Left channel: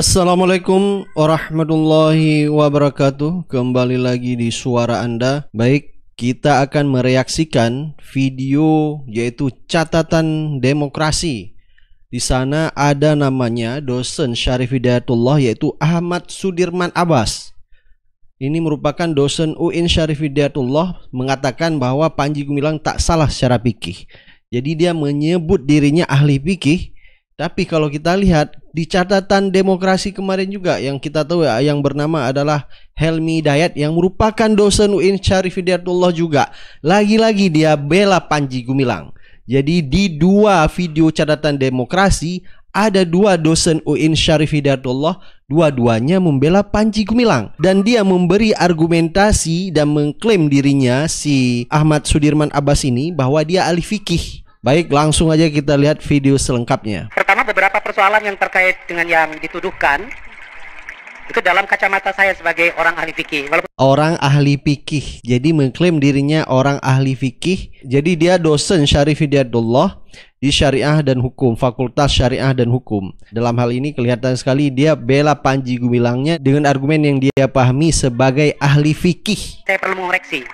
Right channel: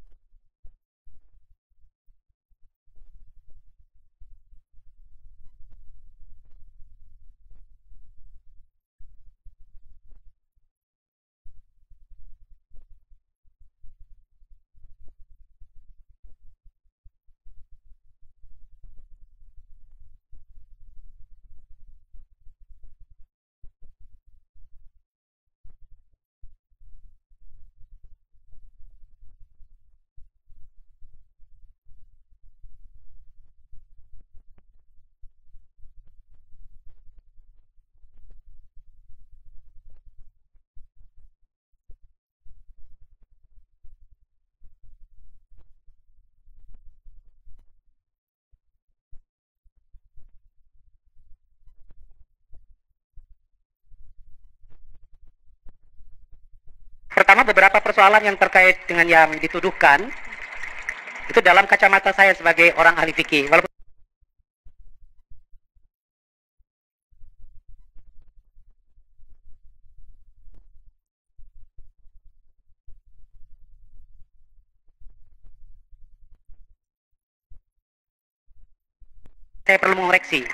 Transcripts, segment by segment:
Assalamualaikum warahmatullahi wabarakatuh. Kembali lagi di suara Anda. Baik, kita akan mereaksikan video yaitu catatan demokrasi. Di sana ada namanya dosen Syarif Hidayatullah yaitu Ahmad Sudirman Abbas. Ini merupakan dosen UIN Syarif Hidayatullah, mengatakan bahwa Panji Gumilang tak salah secara fikih. Jadi dia menyebut dirinya ahli fikih. Tapi kalau kita lihat di catatan demokrasi kemarin juga yang kita tahu ya, yang bernama adalah Helmi Hidayat yang merupakan dosen UIN Syarif Hidayatullah juga. Lagi-lagi dia bela Panji Gumilang. Jadi di dua video catatan demokrasi ada dua dosen UIN Syarif Hidayatullah, dua-duanya membela Panji Gumilang. Dan dia memberi argumentasi dan mengklaim dirinya si Ahmad Sudirman Abbas ini bahwa dia ahli fikih. Baik, langsung aja kita lihat video selengkapnya. Pertama, beberapa persoalan yang terkait dengan yang dituduhkan itu dalam kacamata saya sebagai orang ahli fikih. Orang ahli fikih, jadi mengklaim dirinya orang ahli fikih. Jadi dia dosen Syarif Hidayatullah di Syariah dan Hukum, Fakultas Syariah dan Hukum. Dalam hal ini kelihatan sekali dia bela Panji Gumilangnya dengan argumen yang dia pahami sebagai ahli fikih. Saya perlu mengoreksi.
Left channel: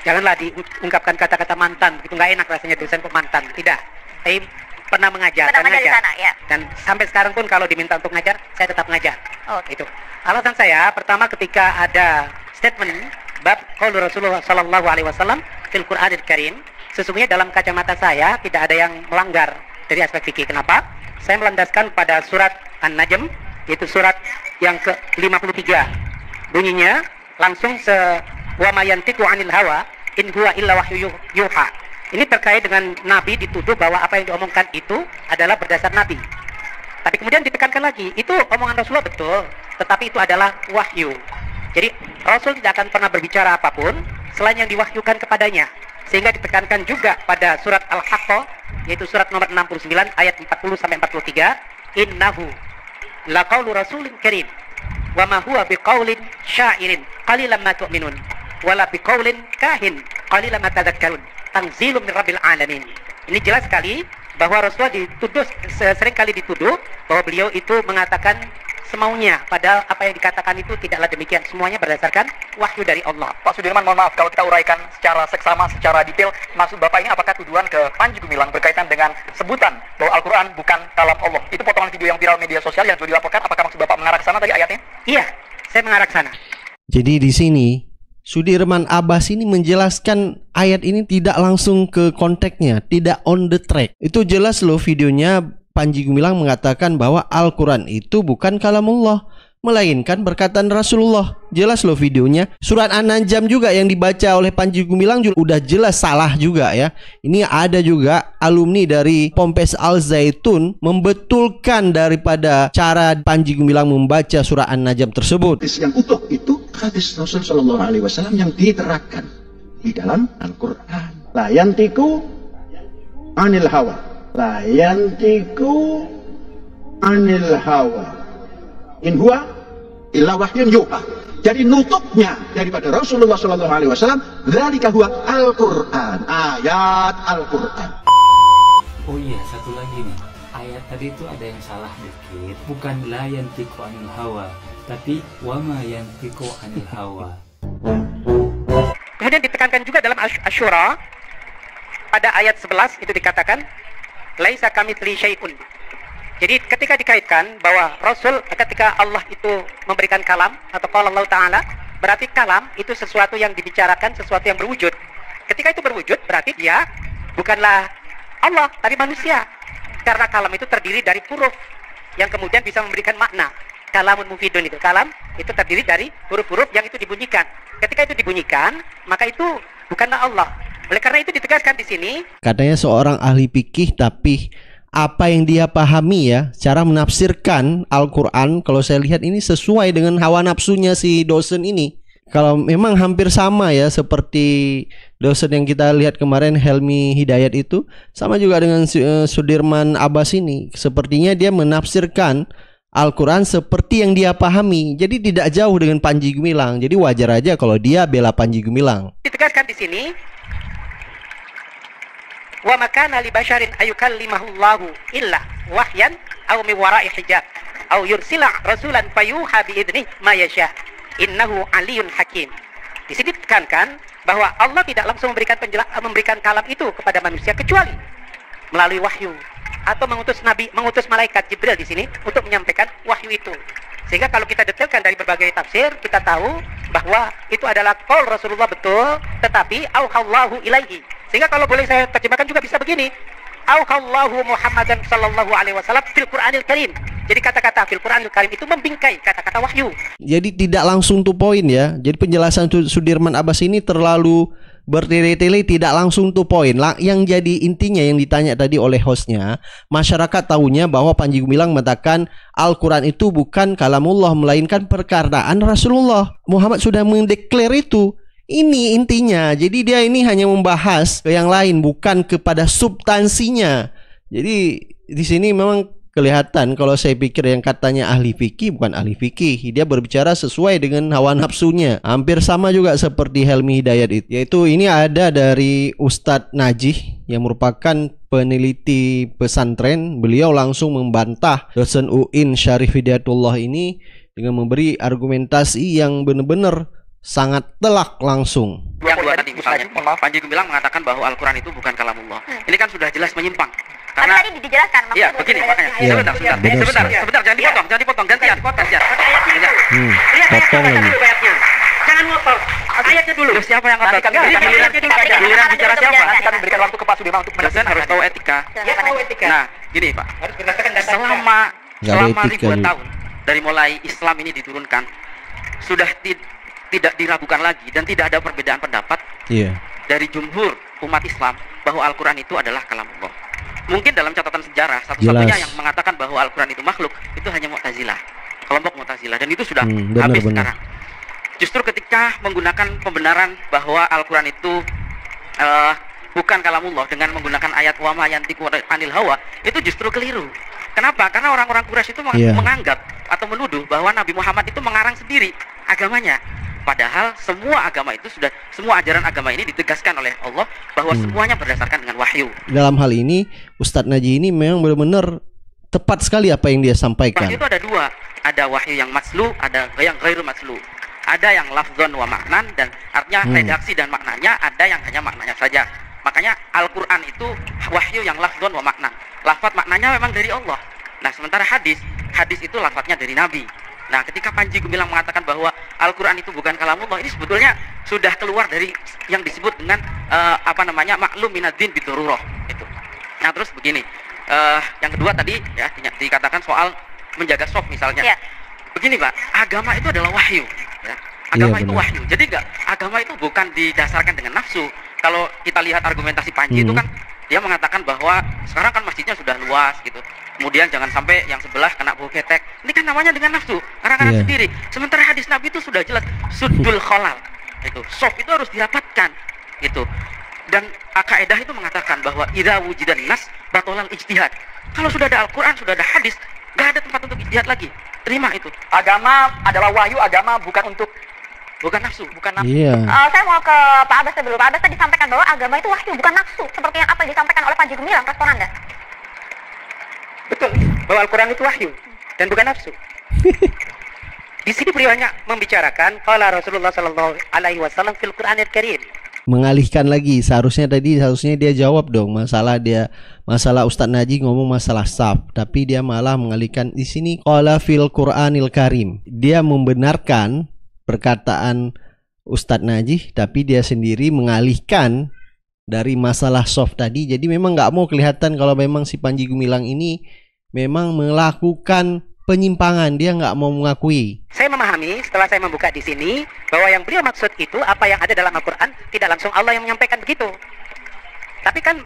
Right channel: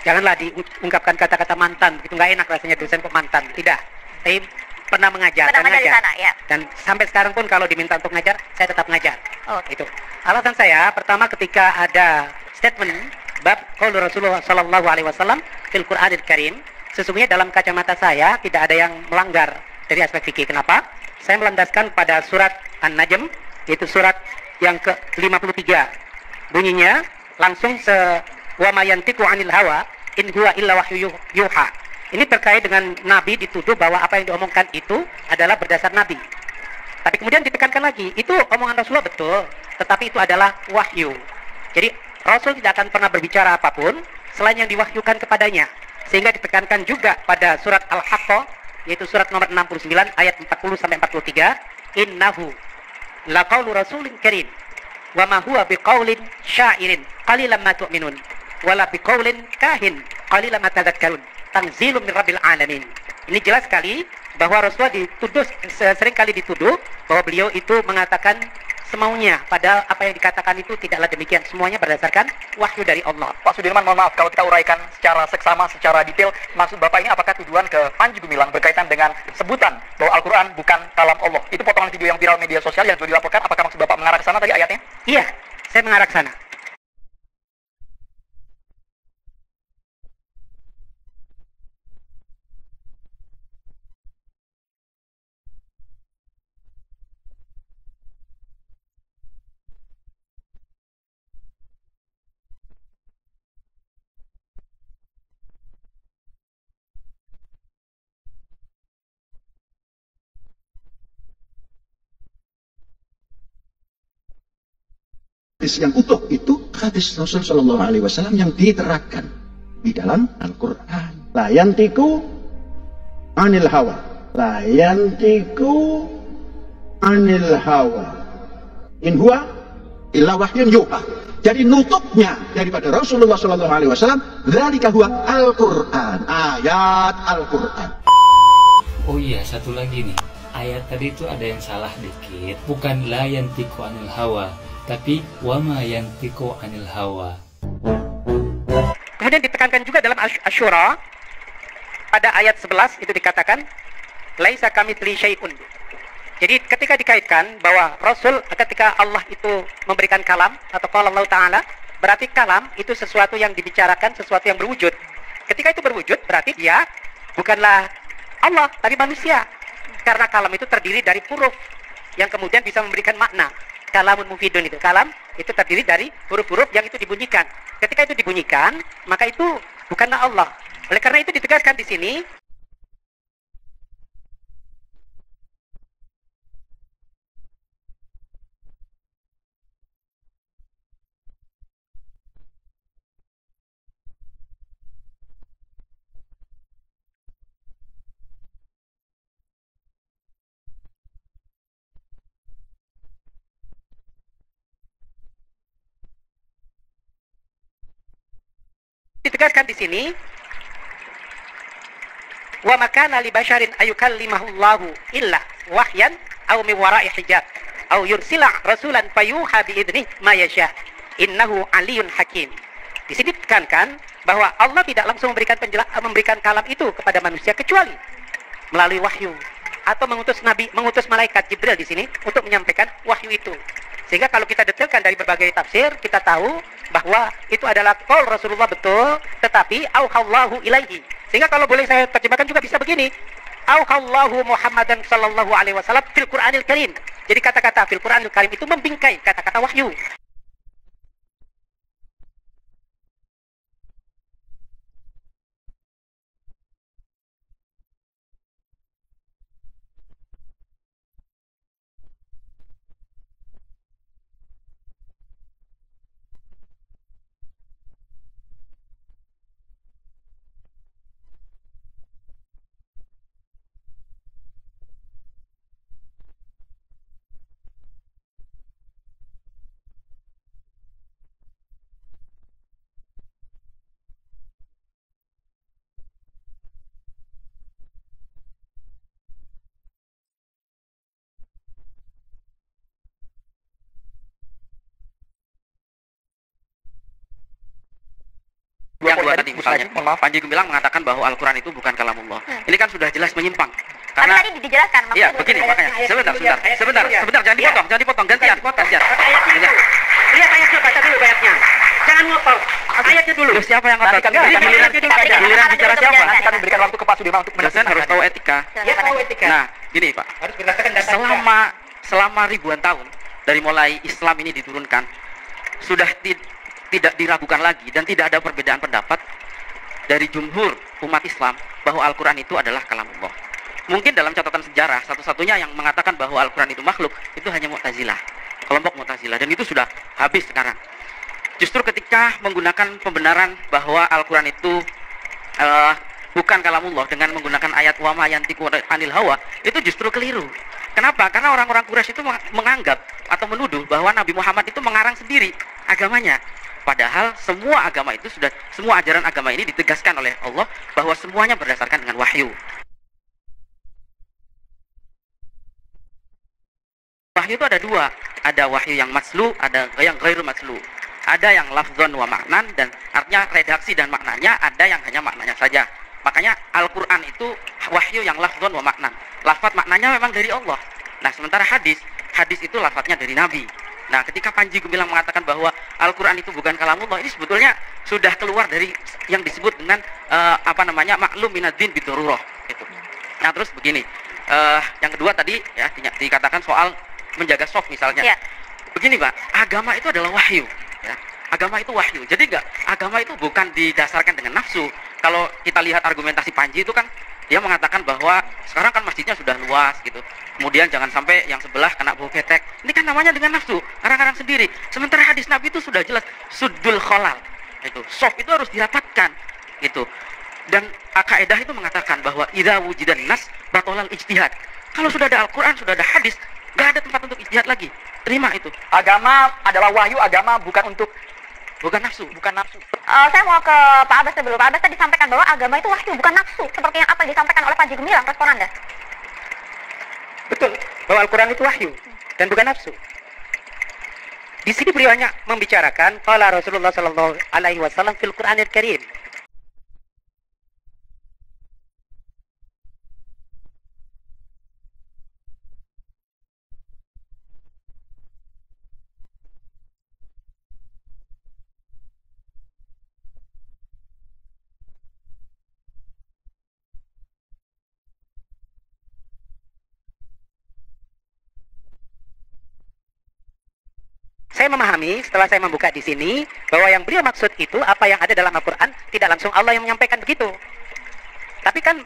Janganlah diungkapkan kata-kata mantan, itu nggak enak rasanya dosen kok mantan. Tidak, saya pernah mengajar dan ngajar. Sana, ya? Dan sampai sekarang pun kalau diminta untuk ngajar, saya tetap ngajar. Itu. Alasan saya, pertama ketika ada statement bab qaul Rasulullah Sallallahu Alaihi Wasallam fil Qur'anil Karim, sesungguhnya dalam kacamata saya tidak ada yang melanggar dari aspek fikih. Kenapa? Saya melandaskan pada surat An-Najm, yaitu surat yang ke-53. Bunyinya langsung wa ma yantiqu 'anil hawa in huwa illa wahyu yuha. Ini terkait dengan Nabi dituduh bahwa apa yang diomongkan itu adalah berdasar Nabi. Tapi kemudian ditekankan lagi, itu omongan Rasulullah betul, tetapi itu adalah wahyu. Jadi Rasul tidak akan pernah berbicara apapun selain yang diwahyukan kepadanya. Sehingga ditekankan juga pada surat Al-Haqqah, yaitu surat nomor 69 ayat 40 sampai 43, innahu laqaulu rasulin karim wa ma huwa biqaulin syairin qalilan ma tu'minun wala biqaulin kahin qalilan ma tadhakkarun tanzilun min rabbil alamin. Ini jelas sekali bahwa Rasulullah dituduh, sering kali dituduh bahwa beliau itu mengatakan semaunya, padahal apa yang dikatakan itu tidaklah demikian, semuanya berdasarkan wahyu dari Allah. Pak Sudirman, mohon maaf kalau kita uraikan secara seksama, secara detail, maksud Bapak ini apakah tuduhan ke Panji Gumilang berkaitan dengan sebutan bahwa Al-Quran bukan kalam Allah? Itu potongan video yang viral media sosial yang sudah dilaporkan, apakah maksud Bapak mengarah ke sana tadi ayatnya? Iya, saya mengarah ke sana. Jadi di sini Sudirman Abbas ini menjelaskan ayat ini tidak langsung ke konteksnya, tidak on the track. Itu jelas loh videonya. Panji Gumilang mengatakan bahwa Al-Quran itu bukan kalamullah, melainkan perkataan Rasulullah. Jelas loh videonya. Surat An-Najm juga yang dibaca oleh Panji Gumilang juga udah jelas salah juga ya. Ini ada juga alumni dari Ponpes Al Zaitun membetulkan daripada cara Panji Gumilang membaca surat An-Najm tersebut. Yang utuh itu hadis Rasul Shallallahu Alaihi Wasallam yang diterapkan di dalam Al-Quran. La yantiku anil hawa, la yantiku anil hawa in huwa illa wahyun yuha. Jadi nutupnya daripada Rasulullah Shallallahu Alaihi Wasallam dzalika huwa Al-Quran, ayat Al-Quran. Oh iya, satu lagi nih, ayat tadi itu ada yang salah dikit, bukan la yantiku anil hawa, tapi wama yantiku anil hawa. Kemudian ditekankan juga dalam Asy-Syura pada ayat 11 itu dikatakan laisa kamitsli syai'un. Jadi ketika dikaitkan bahwa Rasul ketika Allah itu memberikan kalam atau qala Allah Ta'ala, berarti kalam itu sesuatu yang dibicarakan, sesuatu yang berwujud. Ketika itu berwujud berarti dia bukanlah Allah tapi manusia. Karena kalam itu terdiri dari huruf yang kemudian bisa memberikan makna. Kalamun mufidun itu, kalam itu terdiri dari huruf-huruf yang itu dibunyikan. Ketika itu dibunyikan, maka itu bukanlah Allah. Oleh karena itu ditegaskan di sini. Katanya seorang ahli fikih, tapi apa yang dia pahami ya, cara menafsirkan Al-Quran, kalau saya lihat ini sesuai dengan hawa nafsunya si dosen ini. Kalau memang hampir sama ya seperti dosen yang kita lihat kemarin Helmi Hidayat itu, sama juga dengan Sudirman Abbas ini. Sepertinya dia menafsirkan Al-Quran seperti yang dia pahami. Jadi tidak jauh dengan Panji Gumilang. Jadi wajar aja kalau dia bela Panji Gumilang. Ditegaskan di sini, wa makana li basharin ayukallimahullahu illa wahyan aw min wara'i hijab. au yursila rasulan fayuha bi idnih ma yasha innahu aliyun hakim. Di sini ditekankan bahwa Allah tidak langsung memberikan kalam itu kepada manusia kecuali melalui wahyu, atau mengutus malaikat Jibril di sini untuk menyampaikan wahyu itu. Sehingga kalau kita detailkan dari berbagai tafsir, kita tahu bahwa itu adalah qaul Rasulullah betul, tetapi auhallahu ilaihi. Sehingga kalau boleh saya terjemahkan juga bisa begini, auhallahu Muhammadan sallallahu alaihi wasallam fil Qur'anil Karim. Jadi kata-kata fil Qur'anil Karim itu membingkai kata-kata wahyu. Jadi tidak langsung to point ya. Jadi penjelasan Sudirman Abbas ini terlalu bertele-tele, tidak langsung to point. Yang jadi intinya yang ditanya tadi oleh hostnya, masyarakat tahunya bahwa Panji Gumilang mengatakan Al-Quran itu bukan kalamullah, melainkan perkataan Rasulullah. Muhammad sudah mendeklar itu. Ini intinya. Jadi dia ini hanya membahas ke yang lain, bukan kepada substansinya. Jadi di sini memang kelihatan kalau saya pikir yang katanya ahli fikih bukan ahli fikih. Dia berbicara sesuai dengan hawa nafsunya. Hampir sama juga seperti Helmi Hidayat itu. Yaitu ini ada dari Ustadz Najih yang merupakan peneliti pesantren. Beliau langsung membantah dosen UIN Syarif Hidayatullah ini dengan memberi argumentasi yang benar-benar sangat telak langsung. Yang dua tadi misalnya, Panji Gumilang mengatakan bahwa Al-Quran itu bukan kalamullah. Ini kan sudah jelas menyimpang. Karena tadi dijelaskan. Iya, begini makanya. Sebentar, jangan dipotong, gantian. Lihat ayatnya, baca dulu ayatnya. Jangan ngotot. Ayatnya dulu. Siapa yang ngotot? Giliran bicara siapa? Nanti kami berikan waktu ke Pak Sudirman untuk menjelaskan. Harus tahu etika. Ya, tahu etika. Nah, gini Pak. Harus berdasarkan data. Selama ribuan tahun dari mulai Islam ini diturunkan, sudah tidak diragukan lagi dan tidak ada perbedaan pendapat dari jumhur umat Islam bahwa Al-Quran itu adalah kalamullah. Mungkin dalam catatan sejarah satu-satunya yang mengatakan bahwa Al-Quran itu makhluk itu hanya Mu'tazilah, kelompok Mu'tazilah, dan itu sudah habis sekarang. Justru ketika menggunakan pembenaran bahwa Al-Quran itu bukan kalamullah dengan menggunakan ayat wa ma yantiqu anil hawa, itu justru keliru. Kenapa? Karena orang-orang Quraisy itu menganggap atau menuduh bahwa Nabi Muhammad itu mengarang sendiri agamanya. Padahal semua agama itu semua ajaran agama ini ditegaskan oleh Allah bahwa semuanya berdasarkan dengan wahyu. Dalam hal ini Ustadz Najih ini memang benar-benar tepat sekali apa yang dia sampaikan. Wahyu itu ada dua, ada wahyu yang matslu, ada yang ghairu matslu. Ada yang lafzon wa maknan, dan artinya redaksi dan maknanya, ada yang hanya maknanya saja. Makanya Al-Quran itu wahyu yang lafzon wa maknan. Lafaz maknanya memang dari Allah. Nah sementara hadis itu lafaznya dari Nabi. Nah, ketika Panji Gumilang mengatakan bahwa Al-Quran itu bukan kalamullah, ini sebetulnya sudah keluar dari yang disebut dengan maklum minad-din bidururah itu. Nah, terus begini, yang kedua tadi ya dikatakan soal menjaga soft misalnya. Ya. Begini, Pak, agama itu adalah wahyu. Ya. Agama itu wahyu. Jadi agama itu bukan didasarkan dengan nafsu. Kalau kita lihat argumentasi Panji itu kan dia mengatakan bahwa sekarang kan masjidnya sudah luas gitu. Kemudian jangan sampai yang sebelah kena bau ketek. Ini kan namanya dengan nafsu, karang-karang sendiri. Sementara hadis Nabi itu sudah jelas suddul kholal. Itu soft itu harus dirapatkan gitu. Dan kaidah itu mengatakan bahwa idza wujidan nas batolal ijtihad. Kalau sudah ada Al-Qur'an, sudah ada hadis, enggak ada tempat untuk ijtihad lagi. Terima itu. Agama adalah wahyu, agama bukan nafsu, bukan nafsu. Saya mau ke Pak Abbas dulu. Pak Abbas tadi sampaikan bahwa agama itu wahyu, bukan nafsu, seperti yang apa disampaikan oleh Panji Gumilang. Respon Anda? Betul, bahwa Al-Quran itu wahyu dan bukan nafsu. Di sini beliau hanya membicarakan qala Rasulullah sallallahu alaihi wasallam fil Qur'anil Karim. Mengalihkan lagi, seharusnya dia jawab dong masalah Ustadz Najih ngomong masalah saf, tapi dia malah mengalihkan di sini qala fil Qur'anil Karim. Dia membenarkan perkataan Ustadz Najih, tapi dia sendiri mengalihkan dari masalah soft tadi. Jadi memang nggak mau kelihatan kalau memang si Panji Gumilang ini memang melakukan penyimpangan, dia nggak mau mengakui. Saya memahami setelah saya membuka di sini bahwa yang beliau maksud itu apa yang ada dalam Al-Quran, tidak langsung Allah yang menyampaikan begitu. Tapi kan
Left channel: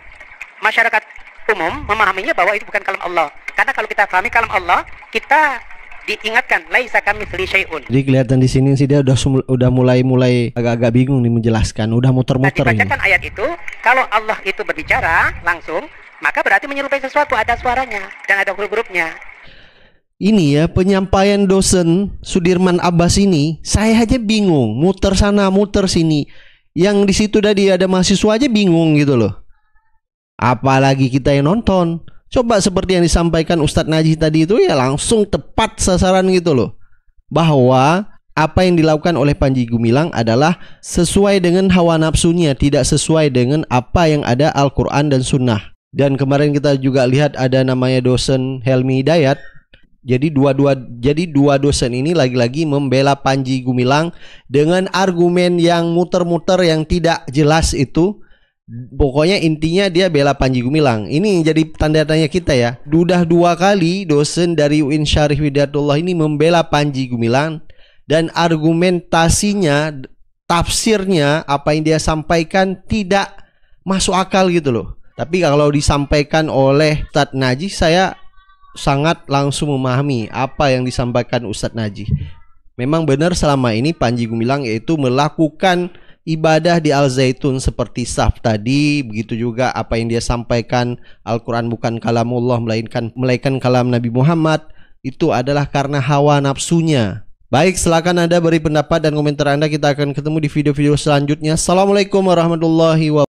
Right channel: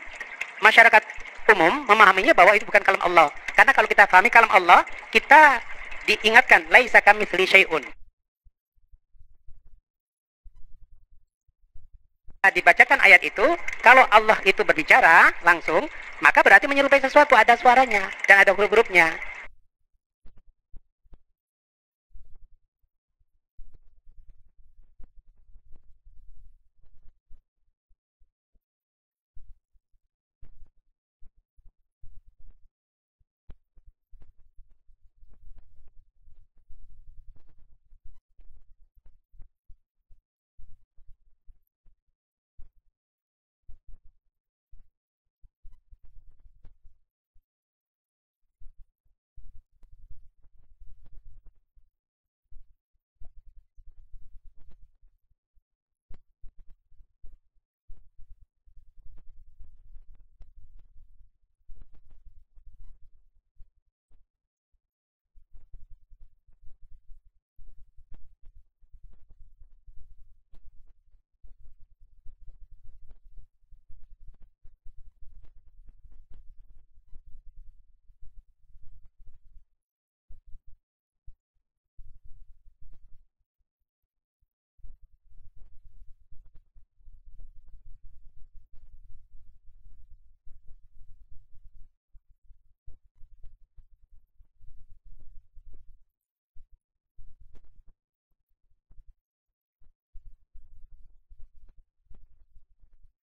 masyarakat umum memahaminya bahwa itu bukan kalam Allah. Karena kalau kita pahami kalam Allah, kita diingatkan laisa kamitsli syai'un. Jadi kelihatan di sini sih dia udah mulai agak-agak bingung nih menjelaskan, udah muter-muter. Nah, dibacakan ayat itu, kalau Allah itu berbicara langsung, maka berarti menyerupai sesuatu, ada suaranya dan ada huruf-hurufnya. Ini ya penyampaian dosen Sudirman Abbas ini, saya aja bingung, muter sana muter sini. Yang di situ tadi ada mahasiswa aja bingung gitu loh. Apalagi kita yang nonton. Coba seperti yang disampaikan Ustadz Najih tadi itu ya langsung tepat sasaran gitu loh. Bahwa apa yang dilakukan oleh Panji Gumilang adalah sesuai dengan hawa nafsunya, tidak sesuai dengan apa yang ada Al-Quran dan Sunnah. Dan kemarin kita juga lihat ada namanya dosen Helmi Hidayat. Jadi dua dosen ini lagi-lagi membela Panji Gumilang dengan argumen yang muter-muter yang tidak jelas itu. Pokoknya intinya dia bela Panji Gumilang. Ini jadi tanda tanya kita ya. Sudah 2 kali dosen dari UIN Syarif Hidayatullah ini membela Panji Gumilang. Dan argumentasinya, tafsirnya, apa yang dia sampaikan tidak masuk akal gitu loh. Tapi kalau disampaikan oleh Ustadz Najih, saya sangat langsung memahami apa yang disampaikan Ustadz Najih. Memang benar selama ini Panji Gumilang yaitu melakukan ibadah di Al-Zaitun seperti saf tadi. Begitu juga apa yang dia sampaikan, Al-Quran bukan kalamullah melainkan kalam Nabi Muhammad. Itu adalah karena hawa nafsunya. Baik, silakan Anda beri pendapat dan komentar Anda. Kita akan ketemu di video-video selanjutnya. Assalamualaikum warahmatullahi wabarakatuh.